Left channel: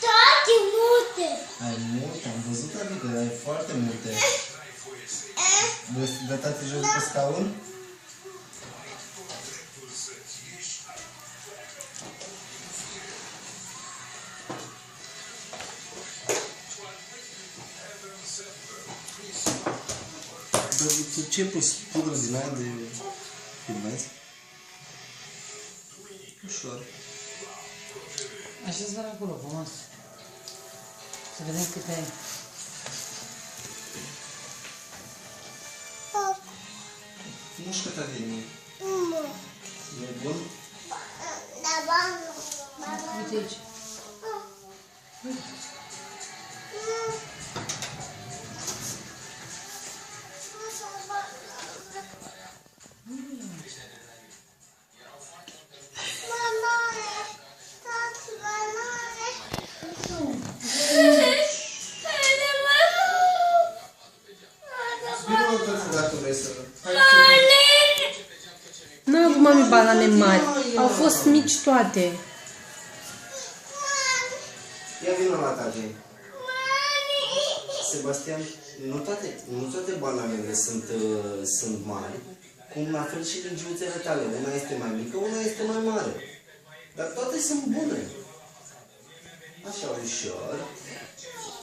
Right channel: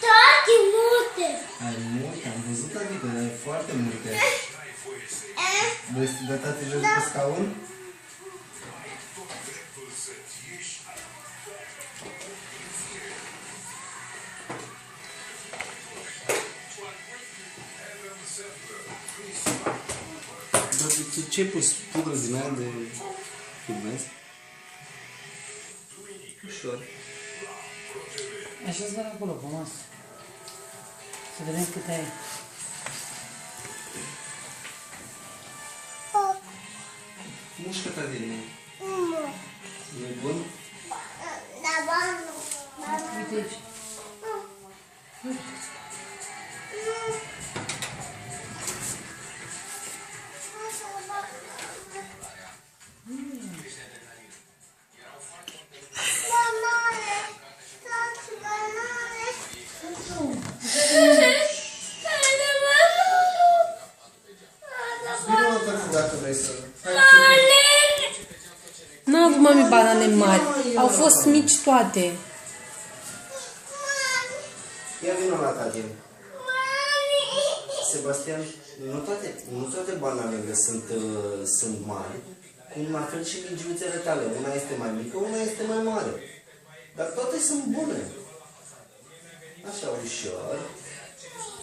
Toate multe. Ai multe, am văzut adică, dar ai foarte multe. Vrei să dea tati jos pe scaun? Dar tu ce ai pus? Pudră din aia de pigmenți? Ușor. Așa-ți doar acolo, pe masă. Să vedem câte ai. Mușcă ta din mine. E bun? Uite aici. Vino o dată dacă vrei să... N-a avut mami banane mari. Au fost mici toate. Ia vină la tati. Sebastian, nu toate bananele sunt mari, cum la fel și legiuțele tale. Una este mai mică, una este mai mare. Dar toate sunt bune. Așa, ușor.